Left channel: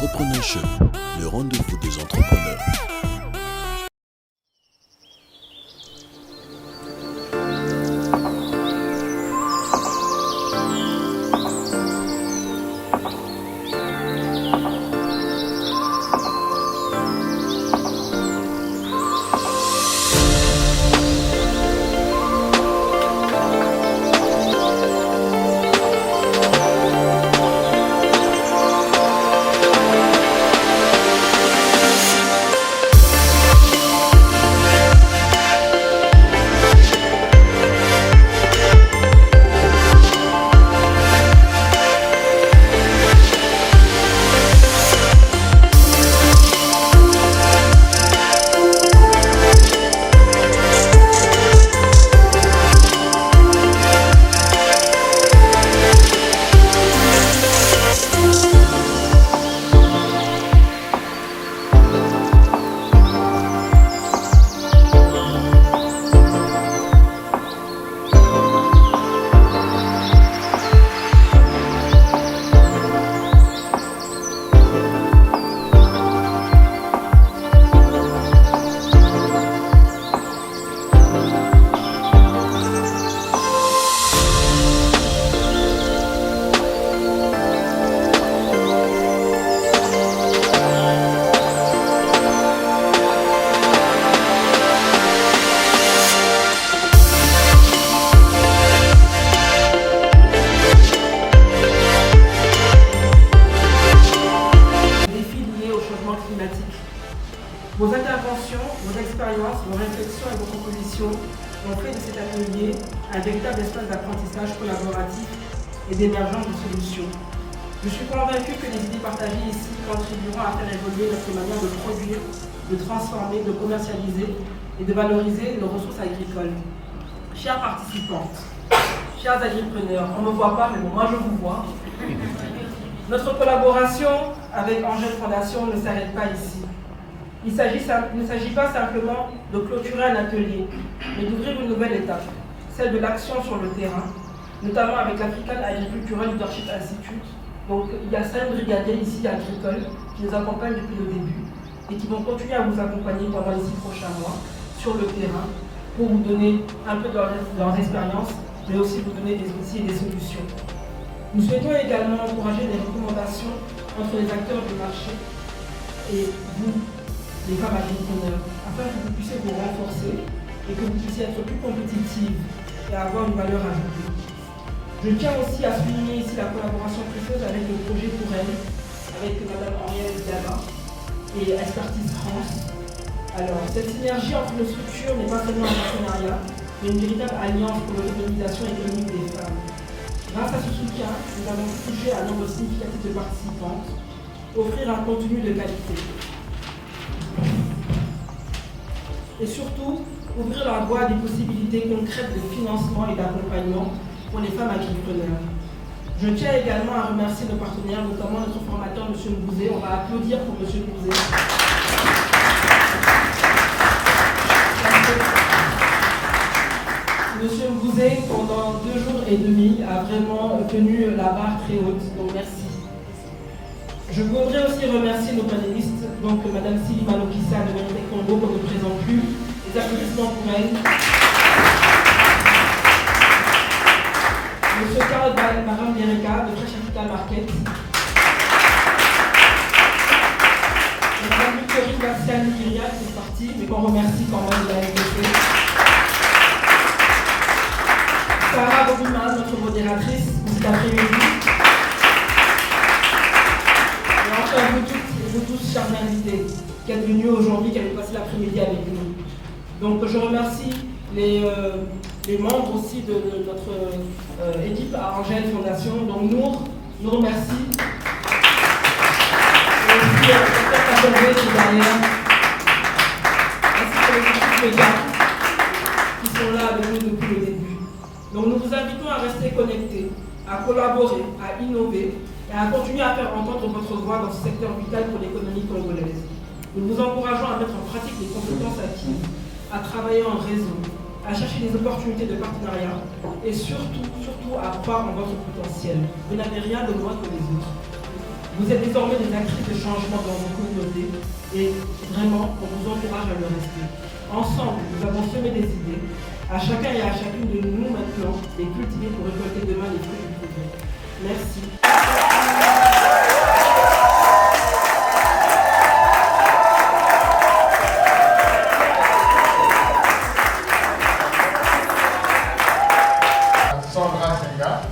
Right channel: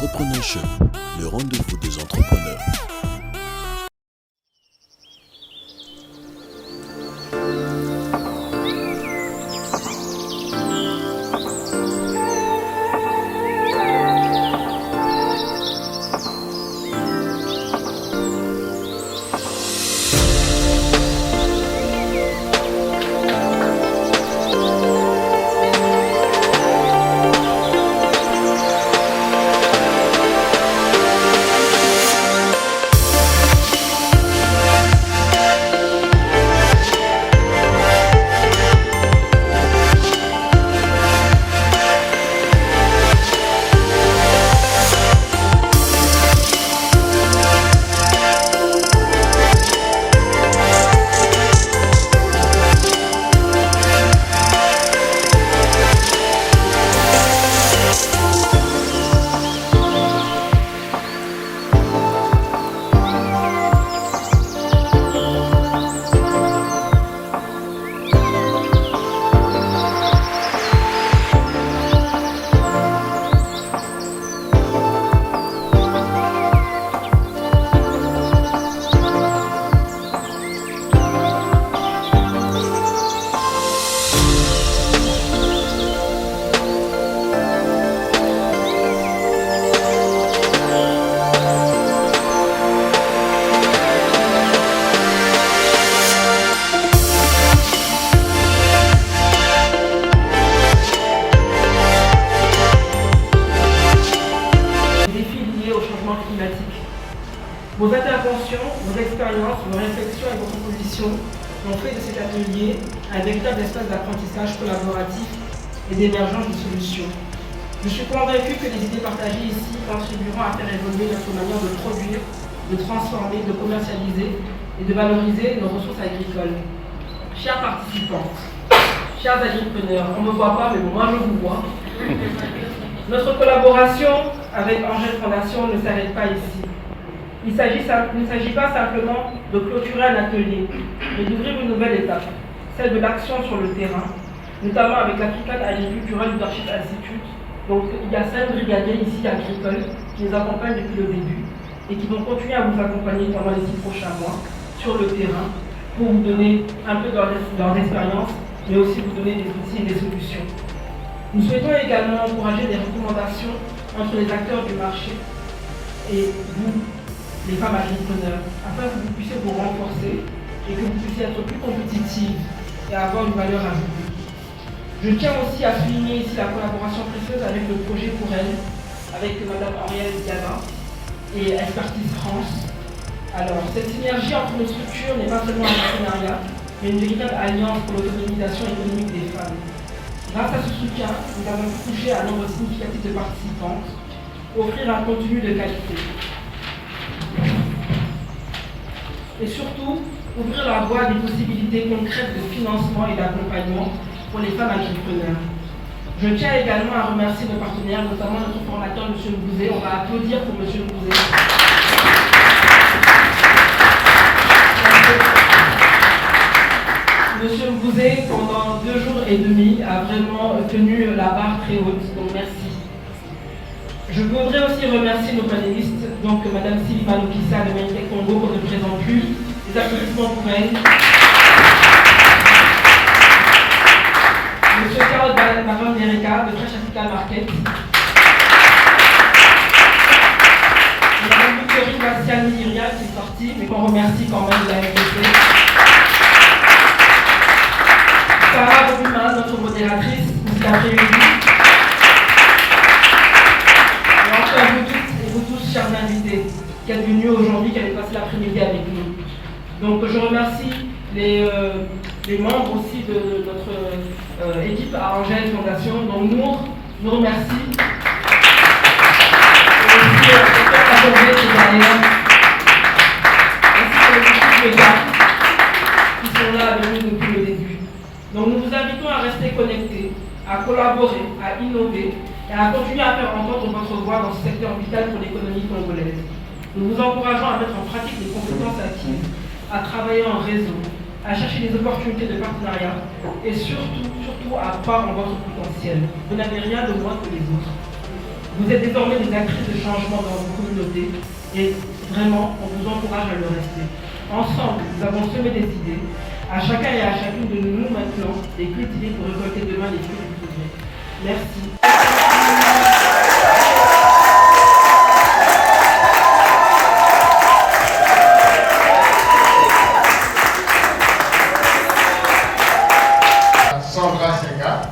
Entrepreneur Show, le rendez-vous des entrepreneurs. Vos interventions, vos expériences, vos réflexions et vos propositions ont fait de cet atelier un véritable espace d'apprentissage collaboratif et d'émergence de solutions. Je suis convaincue que les idées partagées ici contribueront à faire évoluer notre manière de produire, de transformer, de commercialiser et de valoriser nos ressources agricoles. Chers participantes, chers agripreneurs, on ne me voit pas, mais bon, moi je vous vois. Notre collaboration avec Angèle Fondation ne s'arrête pas ici. Il ne s'agit pas simplement de clôturer un atelier, mais d'ouvrir une nouvelle étape, celle de l'action sur le terrain, notamment avec l'African Agricultural Leadership Institute. Donc il y a 5 brigadiers ici agricoles qui nous accompagnent depuis le début et qui vont continuer à vous accompagner pendant les 6 prochains mois sur le terrain pour vous donner un peu de leur expérience, mais aussi vous donner des outils et des solutions. Nous souhaitons également encourager des recommandations entre les acteurs du marché et vous, les femmes agripreneurs, afin que vous puissiez vous renforcer et que vous puissiez être plus compétitives et avoir une valeur ajoutée. Je tiens aussi à souligner ici la collaboration précieuse avec le projet Pour Elle, avec Mme Henriette Diana et Expertise France. Alors, cette synergie entre nos structures n'est pas seulement un partenariat, mais une véritable alliance pour l'autonomisation économique des femmes. Grâce à ce soutien, nous avons pu toucher un nombre significatif de participantes, offrir un contenu de qualité. Et surtout, ouvrir la voie à des possibilités concrètes de financement et d'accompagnement pour les femmes agripreneurs. Je tiens également à remercier nos partenaires, notamment notre formateur, M. Ngouzé. On va applaudir pour M. Ngouzé. M. Ngouzé, pendant 2 jours et demi, a vraiment tenu la barre très haute, donc merci. Je voudrais aussi remercier nos panélistes, donc Mme Sylvie Malokissa de Magnétech Congo, qu'on ne présente plus, les applaudissements pour elle. M. Carole Baron Dereka de Fresh African Market. Mme Victorine Bastiani-Irial qui est sortie, mais qu'on remercie quand même de la RDC. Sarah Robuma, notre modératrice, cet après-midi. Vous toutes et vous tous, chers invités, qui êtes venus aujourd'hui, qui avez passé l'après-midi avec nous. Donc je remercie les membres aussi de notre équipe à Angèle Fondation. Donc nous remercie. Et aussi le docteur Kaboré qui est derrière. Ainsi que les équipes médias qui sont là avec nous depuis le début. Donc nous vous invitons à rester connectés, à collaborer, à innover, et à continuer à faire entendre votre voix dans ce secteur vital pour l'économie congolaise. Nous vous encourageons à mettre en pratique les compétences acquises, à travailler en réseau, à chercher des opportunités de partenariat et surtout à croire en votre potentiel. Vous n'avez rien de moins que les autres. Vous êtes désormais des actrices de changement dans vos communautés et vraiment, on vous encourage à le rester. Ensemble, nous avons semé des idées, à chacun et à chacune de nous maintenant, les cultiver pour récolter demain les fruits du progrès. Merci. Sandra Senga.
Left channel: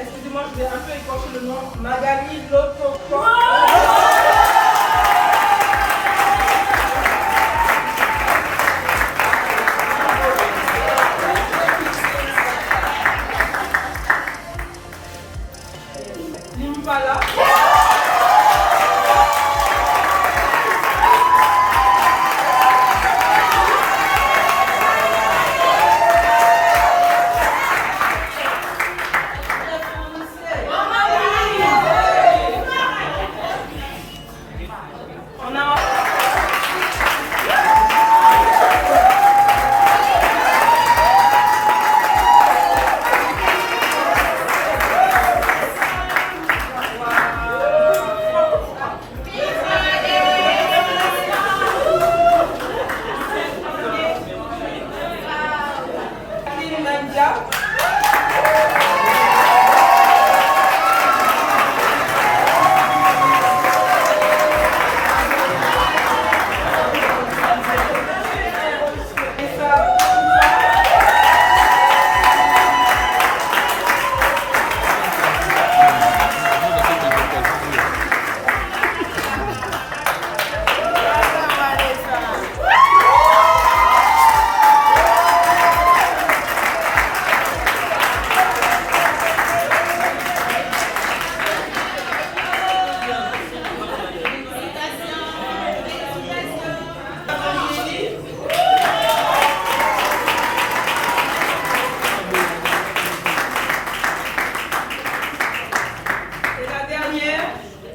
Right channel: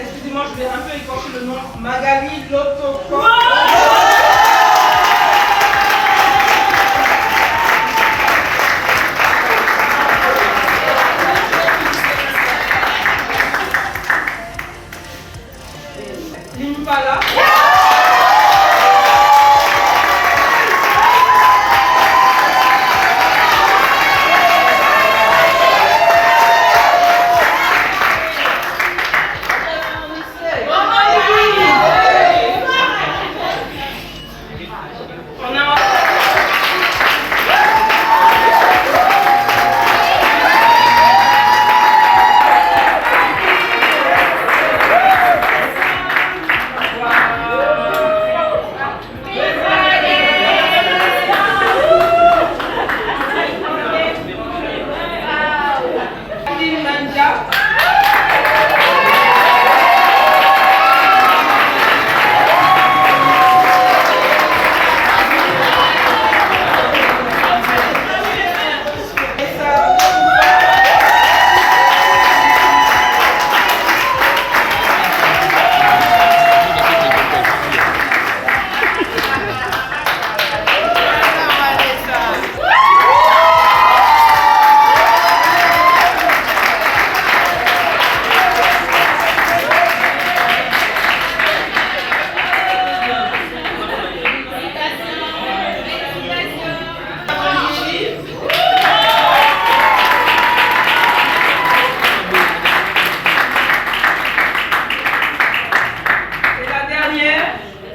Excusez-moi, je vais un peu écorcher le nom. Magali Lotoko. Limpala.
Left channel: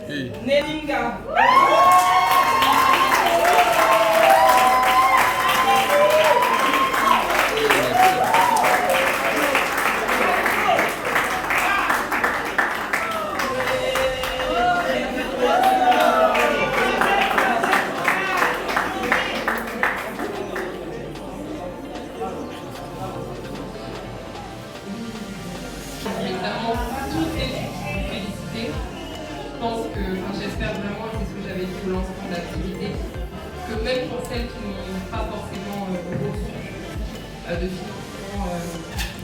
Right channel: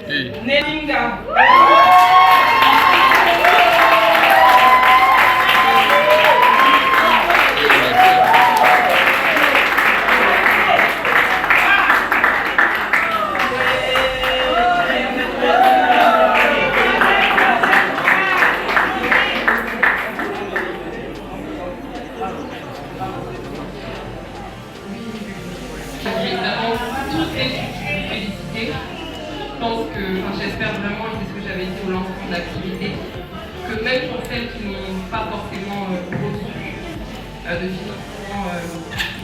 Nelinga. Évidemment, toutes les féliciter. Je pense que, j'espère vraiment, et c'est ce que j'avais dit au lancement de l'activité, que même pour celles qui n'ont pas forcément reçu de financement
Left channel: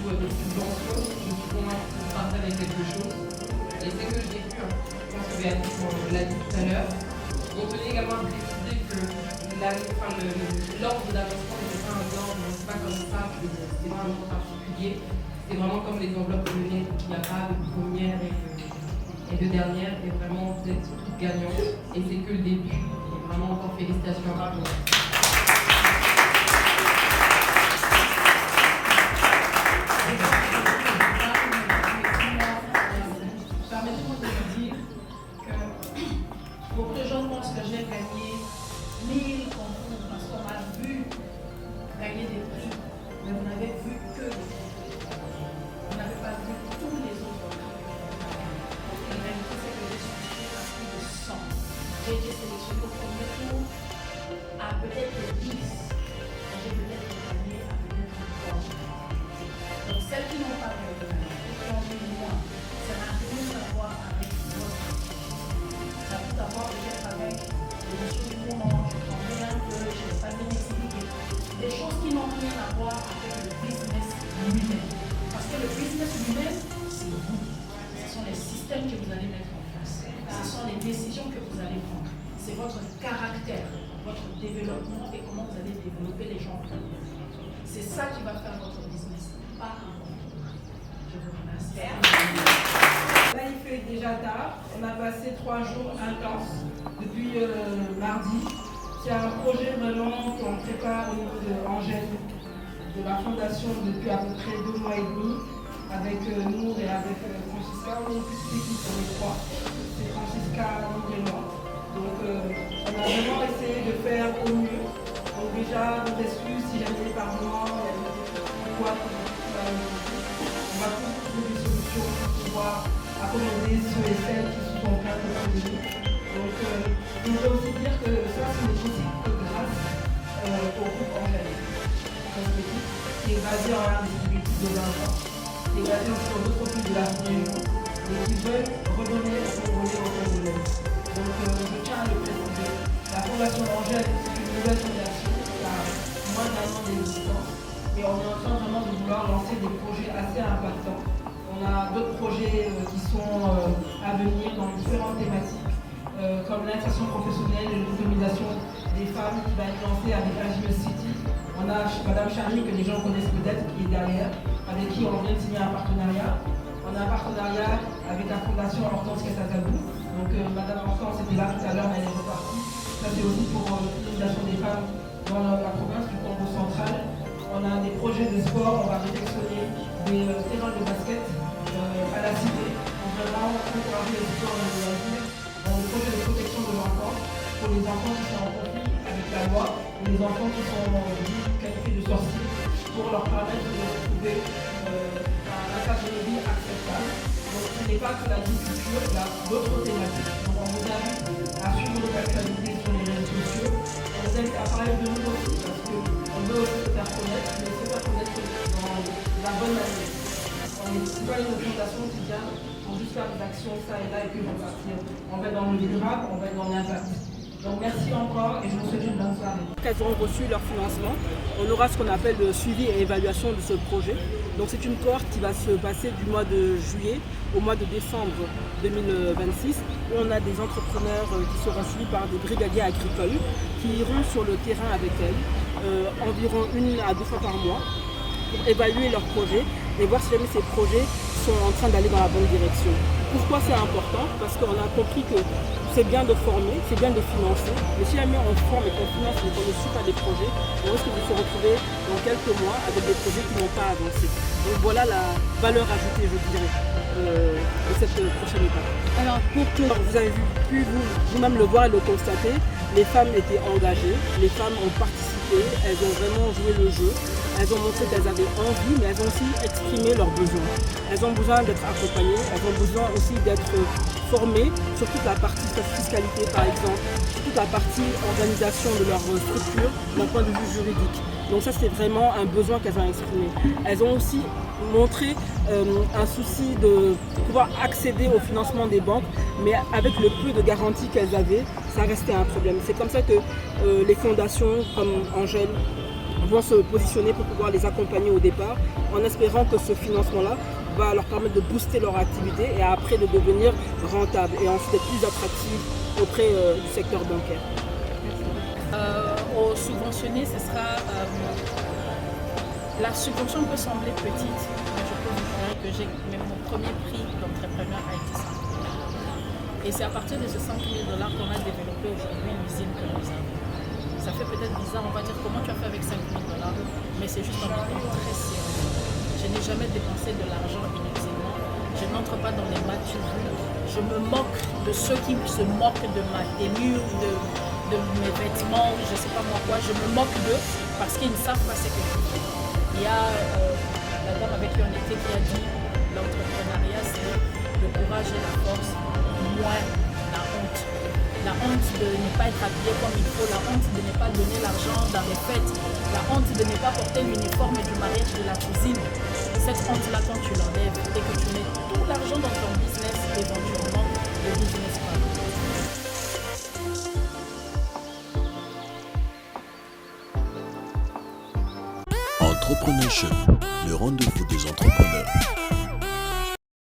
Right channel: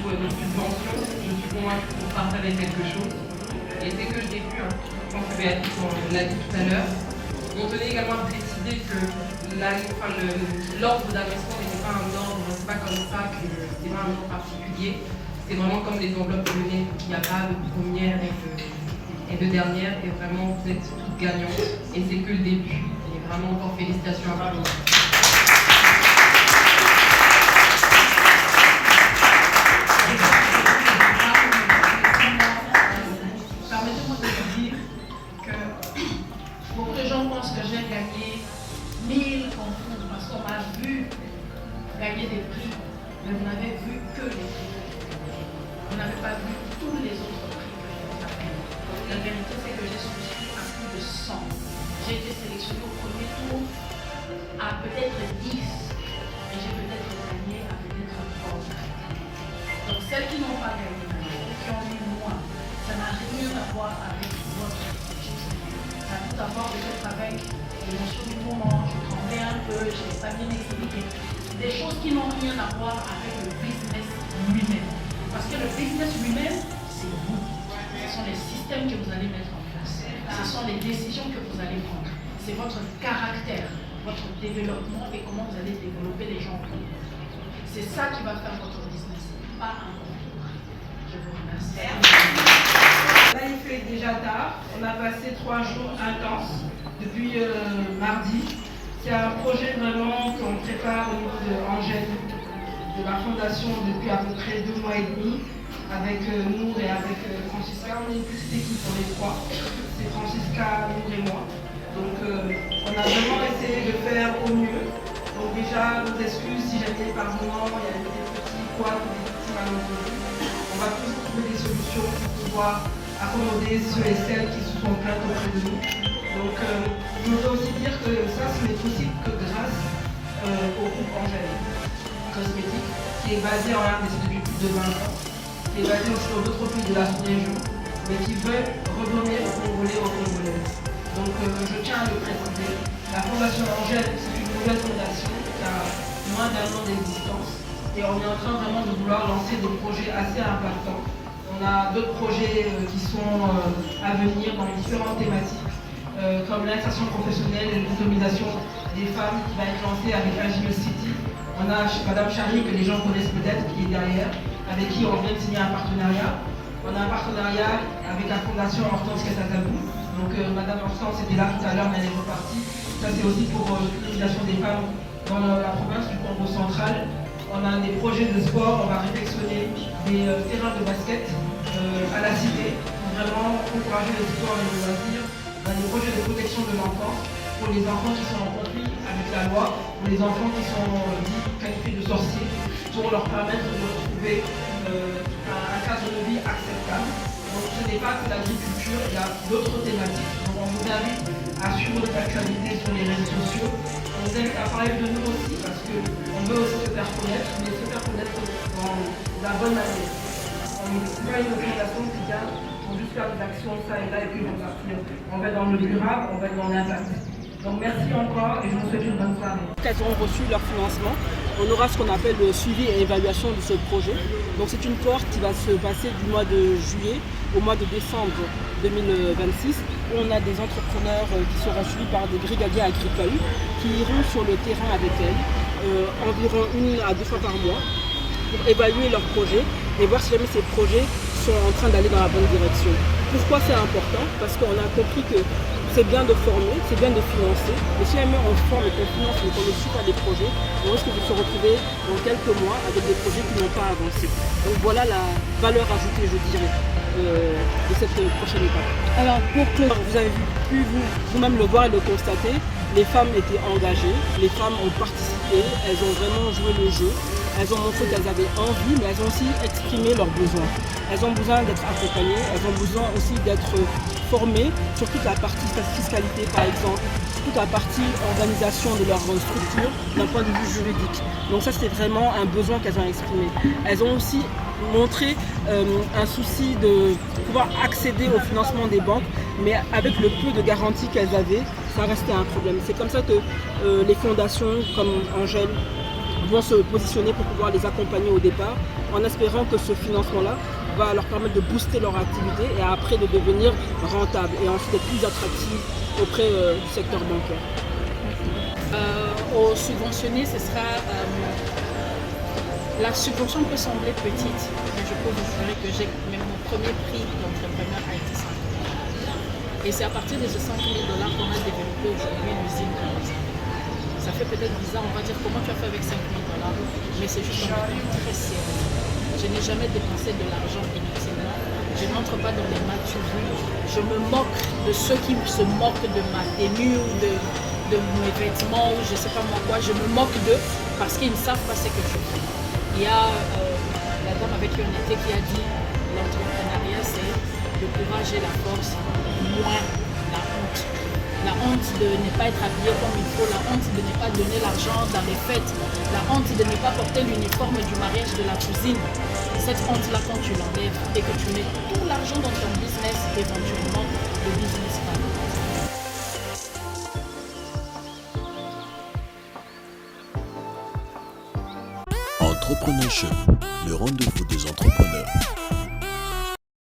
ou de subvention, je suis convaincue que vous partagerez quelque chose. Et c'est que je l'ai vu, je pense que Béatrice l'a dit tout à l'heure. On tenait également à préciser que l'ordre d'avancement n'était pas un ordre, c'est pas comme ça, c'était pas un ordre particulier. C'est vraiment comme les enveloppes lyonnaises, il n'y a pas de première et de dernière, et vraiment vous êtes toutes gagnantes, et c'est que le début. Et vraiment encore félicitations à vous. Permettez-moi de vous dire que beaucoup de gens pensent que j'ai gagné 1000 concours parce qu'on m'a vu gagner des prix, mais vous n'avez vu que les prix. Vous n'avez pas vu tous les autres prix que j'ai gagnés. La vérité, c'est que j'ai souscrit à plus de 100. J'ai été sélectionnée au premier tour à peut-être 10 et j'ai peut-être gagné à peut-être 3. Donc celles qui n'ont pas gagné, qui ont eu moins, ça n'a rien à voir avec votre succès. Ça a tout à voir peut-être avec l'émotion du moment, je tremblais un peu, je n'ai pas bien expliqué. Des choses qui n'ont rien à voir avec le business lui-même. Parce que le business lui-même, c'est vous. Ce sont les systèmes que vous allez mettre en place. Ce sont les décisions que vous allez prendre. C'est votre caractère, votre développement et comment vous allez développer les gens. C'est ça qui va faire votre business, pas un concours. Je vous remercie. Là, il fait déjà tard. On a passé 3 jours intenses depuis mardi. C'est un projet vraiment qu'on prépare au niveau de Angèle, de la fondation depuis à peu près 2 mois et demi, avec nous et avec Francisca. On est une petite équipe, on est 3. C'est Francisca, nous et moi. Donc on a vraiment essayé de faire au mieux. Donc déjà, nos excuses si jamais par moment il y a des petits poids, des petits malentendus. On va tous trouver des solutions pour pouvoir accommoder ceux et celles qui se sont plaints auprès de nous. Donc je veux aussi dire que ça, ce n'est possible que grâce au groupe Angèle Cosmétique, qui est basé en Inde depuis plus de 20 ans, qui est basé sur d'autres pays de la sous-région, mais qui veut redonner aux Congolais aux Congolaises. Donc je tiens à le préciser, la Fondation Angèle, c'est une nouvelle fondation qui a moins d'1 an d'existence et on est en train vraiment de vouloir lancer des projets assez impactants. On a d'autres projets qui sont à venir dans différentes thématiques, comme l'insertion professionnelle et l'autonomisation des femmes qui va être lancée avec Agile City. On a Madame Charlie, que les gens connaissent peut-être, qui est derrière, avec qui on vient de signer un partenariat. On a un partenariat avec la Fondation Hortense Katatagou. Donc Madame Hortense était là tout à l'heure, mais elle est repartie. Ça c'est aussi pour l'autonomisation des femmes dans la province du Congo central. On a des projets de sport, on va réfectionner des terrains de basket à la cité pour vraiment encourager les sports et les loisirs. On a des projets de protection de l'enfance pour les enfants qui sont en conflit avec la loi, pour les enfants qui sont qualifiés de sorciers, pour leur permettre de retrouver un cadre de vie acceptable. Donc ce n'est pas que l'agriculture, il y a d'autres thématiques. Donc on vous invite à suivre notre actualité sur les réseaux sociaux. On vous invite à parler de nous aussi parce qu'on veut aussi se faire connaître, mais se faire connaître dans la bonne manière. On n'est pas une organisation qui vient pour juste faire des actions ça et là et puis on va partir. On va être dans le durable, on va être dans l'impact. Donc merci encore et je vous souhaite une bonne soirée. Elles ont reçu leur financement. On aura ce qu'on appelle le suivi et évaluation de ce projet. Donc c'est une cohorte qui va se passer du mois de juillet au mois de décembre 2026 où on a des entrepreneurs qui seront suivis par des brigadiers agricoles qui iront sur le terrain avec elles environ 1 à 2 fois par mois pour évaluer leurs projets et voir si jamais ces projets sont en train d'aller dans la bonne direction. Pourquoi c'est important? Parce qu'on a compris que c'est bien de former, c'est bien de financer, mais si jamais on forme et qu'on finance mais qu'on ne suit pas des projets, on risque de se retrouver dans quelques mois avec des projets qui n'ont pas avancé. Donc voilà la valeur ajoutée, je dirais, de cette prochaine étape. Alors pour que vous avez pu vous-même le voir et le constater, les femmes étaient engagées, les femmes ont participé, elles ont vraiment joué le jeu. Elles ont montré qu'elles avaient envie, mais elles ont aussi exprimé leurs besoins. Elles ont besoin d'être accompagnées, elles ont besoin aussi d'être formées sur toute la partie fiscalité, par exemple, toute la partie organisation de leur structure d'un point de vue juridique. Donc ça, c'était vraiment un besoin qu'elles ont exprimé. Elles ont aussi montré un souci de pouvoir accéder au financement des banques, mais avec le peu de garanties qu'elles avaient, ça restait un problème. C'est comme ça que les fondations comme Angèle vont se positionner pour pouvoir les accompagner au départ, en espérant que ce financement-là va leur permettre de booster leur activité et après de devenir rentable et ensuite être plus attractive auprès du secteur bancaire. Aux subventionnés, ce sera La subvention peut sembler petite, mais je peux vous jurer que mon premier prix d'entrepreneur a été 5 000. Et c'est à partir de ces 5 000 $ qu'on a développé aujourd'hui une usine que nous avons. Ça fait peut-être bizarre, on va dire comment tu as fait avec 5 000 $, mais c'est juste un montant très sérieux. Je n'ai jamais dépensé de l'argent inutilement. Je n'entre pas dans les maturies. Je me moque de ceux qui se moquent de ma tenue ou de mes vêtements ou je ne sais pas moi quoi. Je me moque d'eux parce qu'ils ne savent pas ce que je fais. Il y a la dame avec qui on était qui a dit l'entrepreneuriat c'est le courage et la force, moins la honte. La honte de ne pas être habillé comme il faut, la honte de ne pas donner l'argent dans les fêtes, la honte de ne pas porter l'uniforme du mariage de la cousine. Cette honte-là, quand tu l'enlèves et que tu mets tout l'argent dans ton business, éventuellement, le business part. Entrepreneurship, le rendez-vous des entrepreneurs.